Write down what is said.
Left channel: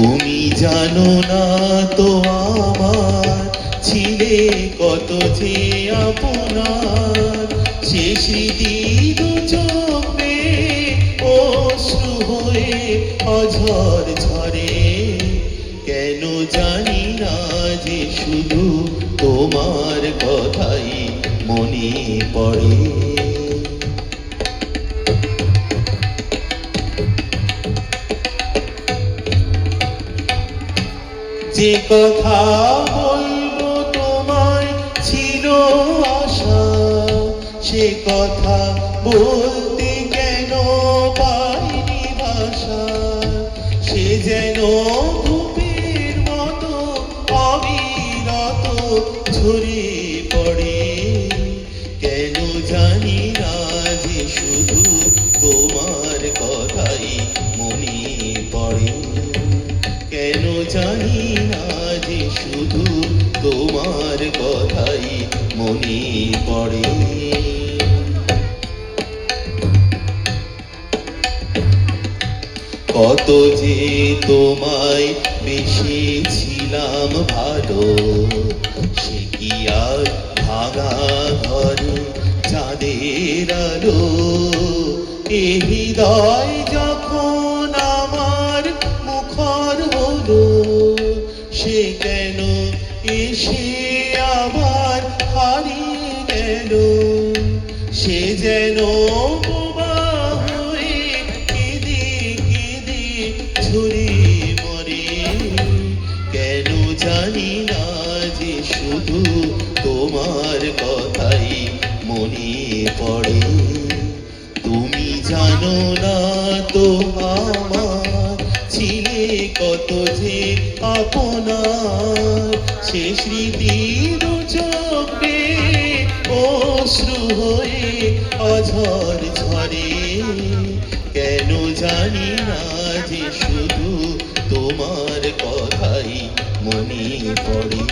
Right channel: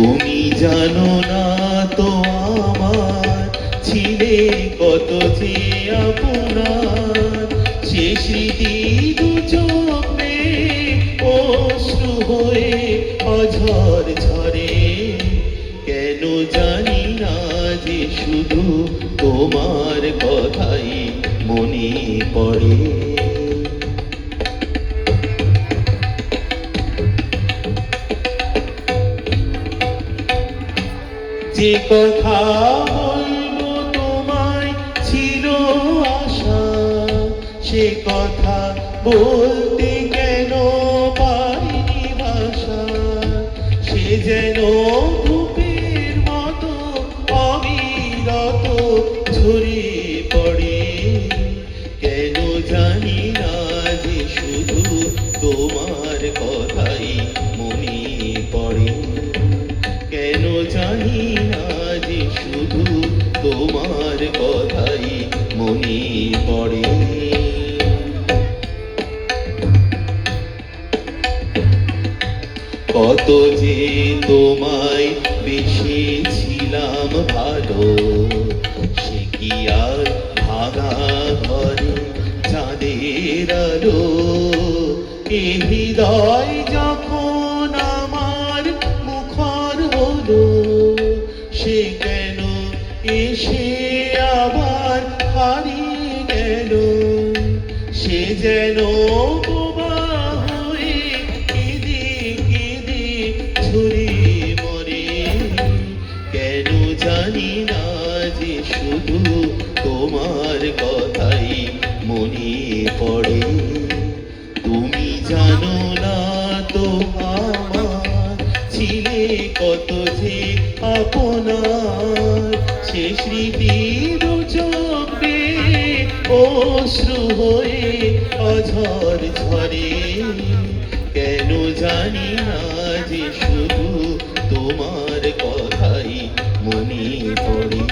তুমি জানো না তো আমার ছিলে কত যে আপনার, সে স্মৃতি দু চোখে অশ্রু হয়ে অঝর ঝরে। কেন জানি না যে শুধু তোমার কথাই মনে পড়ে। যে কথা বলবো তোমায় ছিল আশা, সে কথা বলতে কেন পারিনি ভাষা। সে যেন ধূপের মতো অবিরত ঝরিয়ে পড়ে। কেন জানি না যে শুধু তোমার কথাই মনে পড়ে। কেন জানি না যে শুধু তোমার কথাই মনে পড়ে। কত যে তোমায় বেসেছিলাম ভালো, সে কি আর ভাঙা ঘরে চাঁদের আলো। এ হৃদয় যখন আমার মুখর হলো, সে কেন এসে আবার হারিয়ে গেল। সে যেন ঝরে মরে। কেন জানি না যে শুধু তোমার কথাই মনে পড়ে। তুমি জানো না তো আমার ছিলে কত যে আপনার, সে স্মৃতির চোখে অশ্রু হয়ে অঝর ঝরে। কেন জানি না যে শুধু তোমার কথাই মনে পড়ে।